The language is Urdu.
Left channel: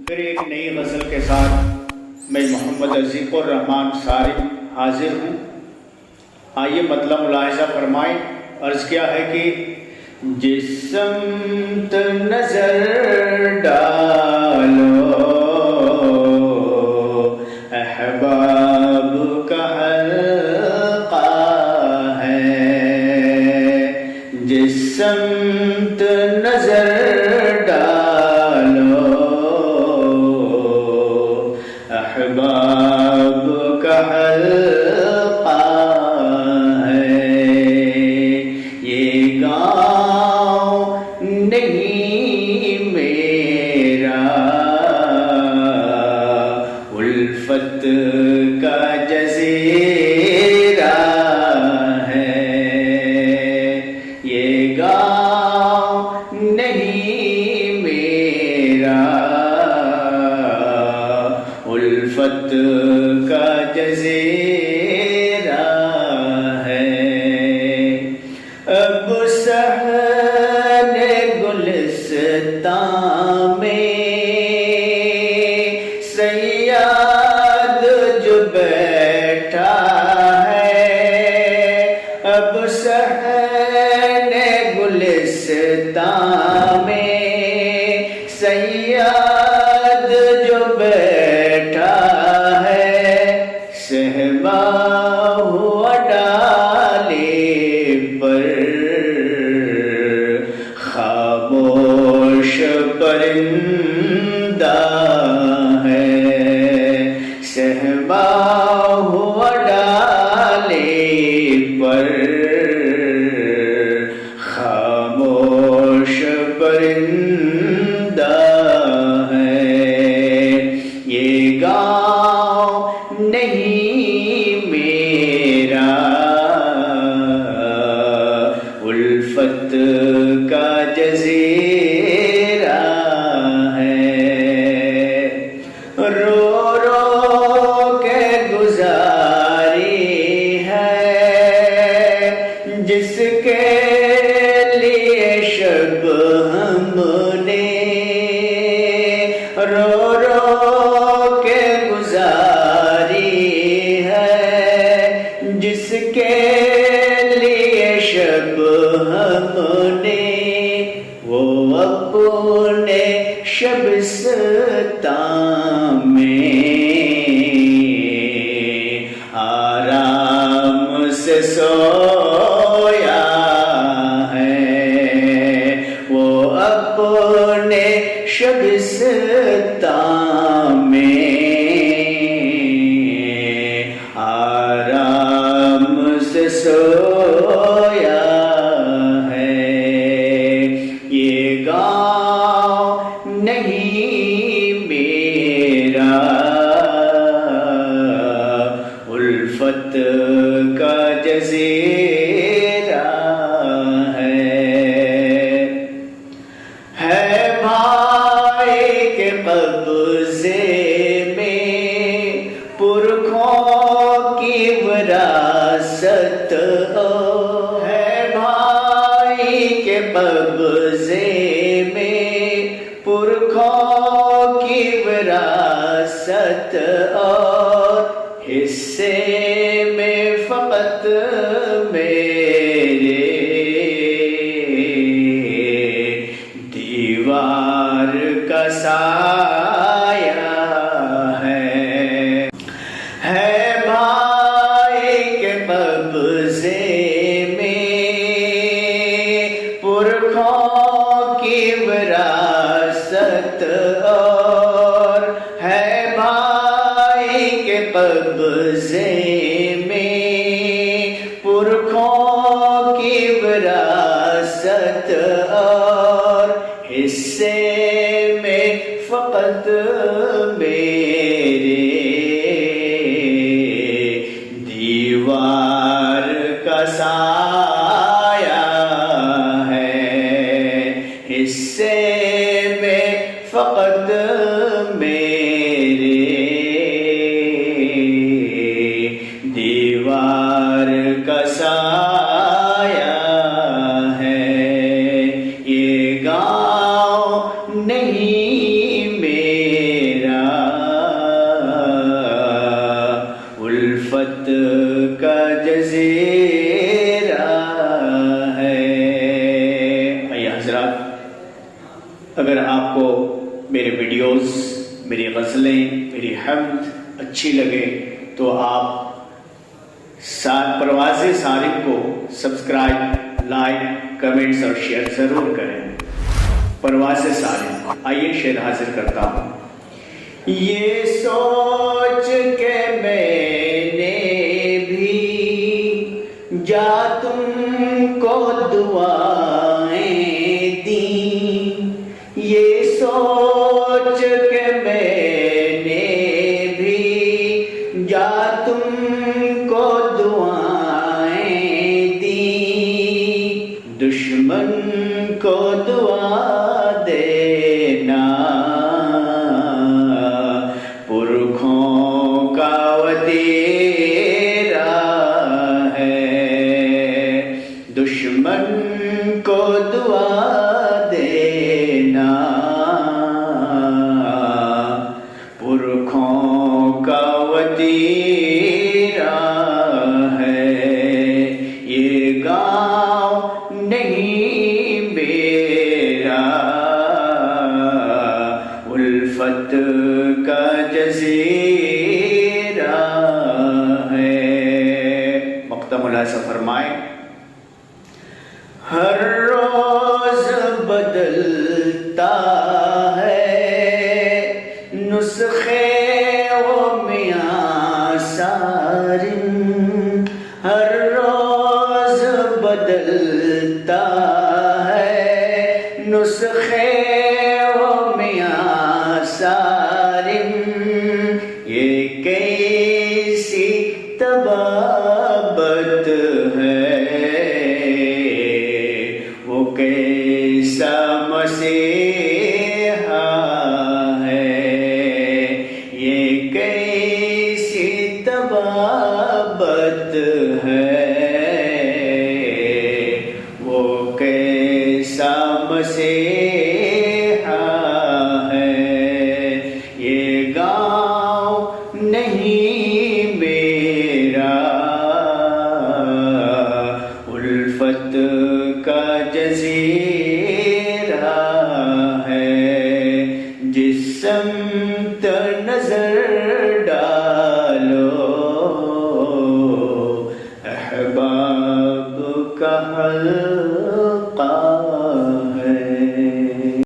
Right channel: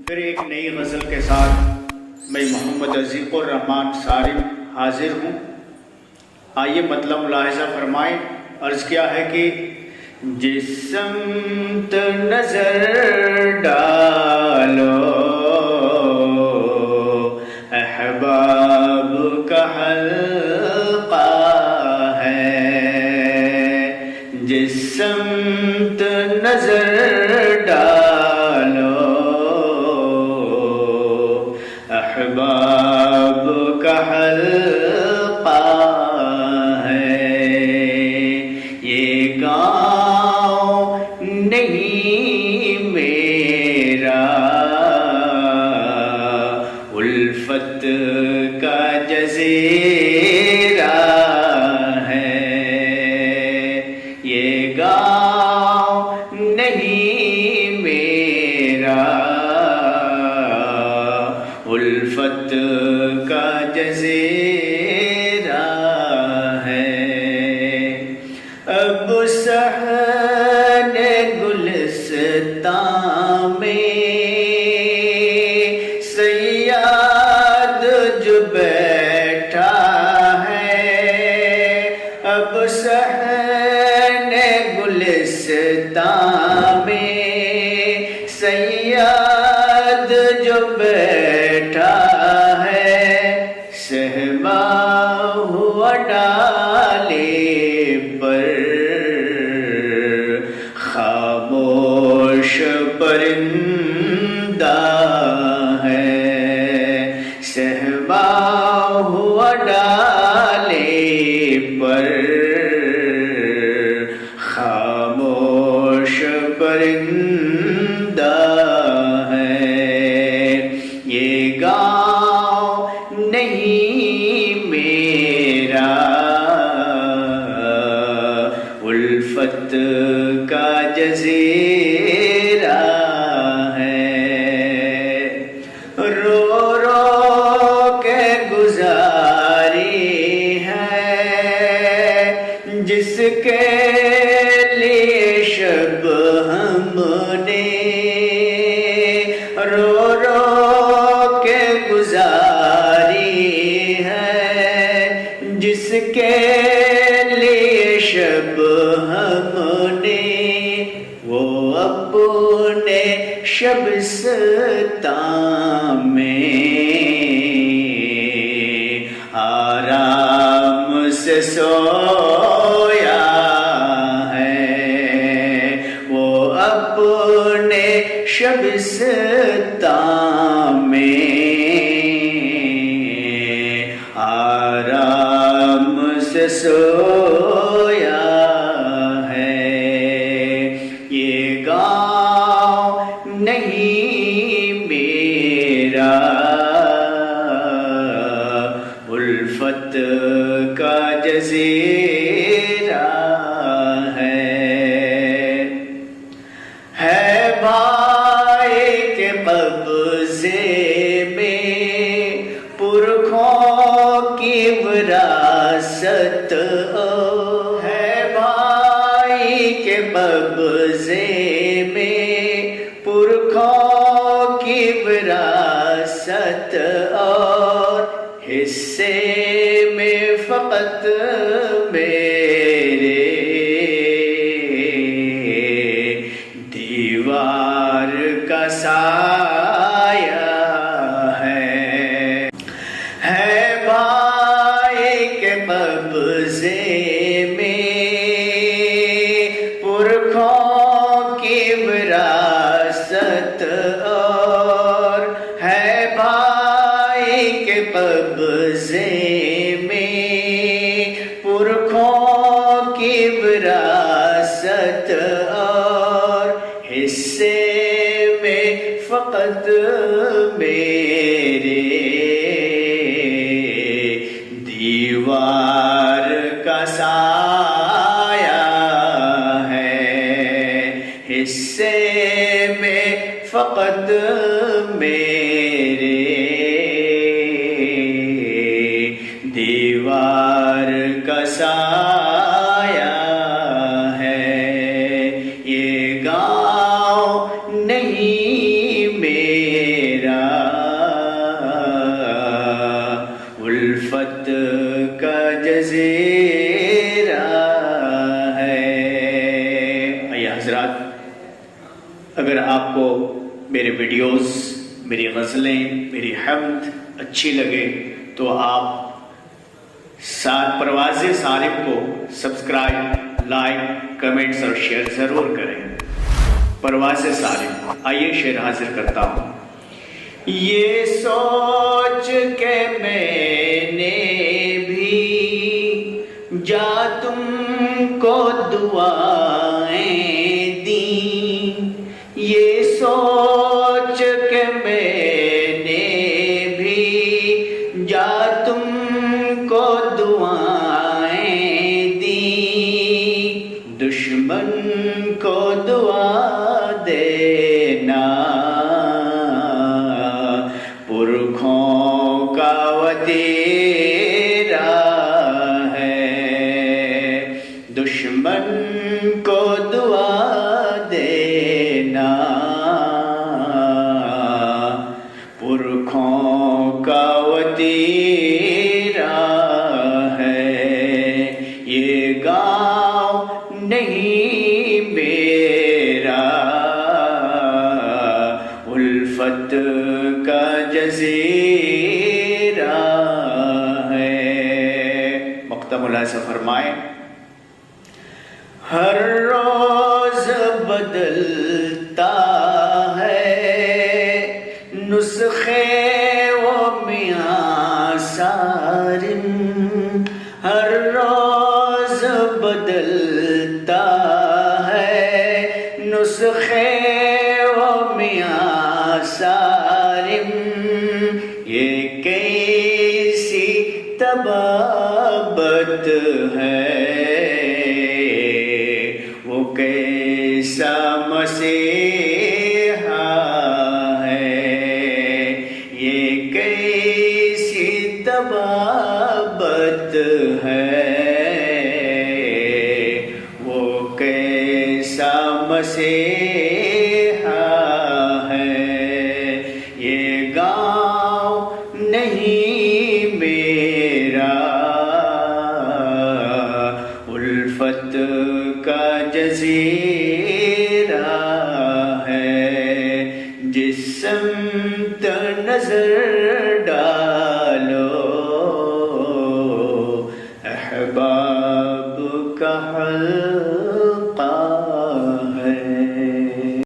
پھر ایک نئی غزل کے ساتھ میں محمد عزیق الرحمان صارف حاضر ہوں. آئیے مطلب ملاحظہ فرمائیں. عرض کیا ہے کہ جس سمت نظر ڈالو احباب کا حلقہ ہے. جس سمت نظر ڈالو احباب کا حلقہ ہے. یہ گاؤں نہیں میرا الفت کا جزیرہ ہے. یہ گاؤں نہیں میرا الفت کا جزیرہ ہے. اب صحن گلستان میں صیاد جو بیٹھا ہے. اب صحن گلستان میں صیاد جو بیٹھا ہے. صحبا ہوا ڈالے پر خاموش پرندہ ہے. صحبا ہوا ڈالے پر خاموش پرندہ ہے. یہ گاؤں نہیں میرا الفت کا جزیرہ ہے. رو رو کے گزاری ہے جس کے لیے شب ہم نے. رو رو کے گزاری ہے جس کے لیے شب ہم نے. وہ اپنے شبستان میں آرام سے سویا ہے. وہ اپنے شبستان میں آرام سے سویا ہے. یہ گاؤں نہیں میرا الفت کا جزیرہ ہے. بھائی کے قبضے میں پرکھوں کی وراثت ہو. ہے بھائی کے قبضے میں پرکھوں کی وراثت اور حصے میں فقط میرے دیوار کا سایہ ہے. بھائی کے قبضے میں پرکھوں کی وراثت اور ہے بھائی کے قبضے میں پرکھوں کی وراثت اور حصے میں فقط میرے دیوار کا سایہ ہے. حصے میں فقط میرے دیوار کا سایہ ہے. یہ گاؤں نہیں میرا اگر آپ کو میرے ویڈیوز، میری غزلیں، میری حمد اچھی لگے تو آپ پرواز صارم کو سبسکرائب، لائک، کمنٹس اور شیئر ضرور کریں۔ پرواز صارم، آئیے شعر حاضر کرتا ہوں۔ یہ سوچ کے میں نے بھی جا تم کو دعائیں دیں، یہ سوچ کے میں نے بھی جا تم کو دعائیں دیں، دشمن کو دعا دینا پرکھوں کا وتیرا ہے، دشمن کو دعا دینا پرکھوں کا وتیرا ہے، یہ گاؤں نہیں میرا الفت کا جزیرہ ہے۔ مقطع ملاحظہ فرمائیں۔ ہر روز بدلتا ہے نسخے و میاں سارم، ہر روز بدلتا ہے نسخے و میاں سارم، یہ کیسی طبابت ہے، وہ کیسا مسیحا ہے، یہ کیسی طبابت ہے، وہ کیسا مسیحا ہے، یہ گاؤں نہیں میرا الفت کا جزیرہ ہے، جس سمت نظر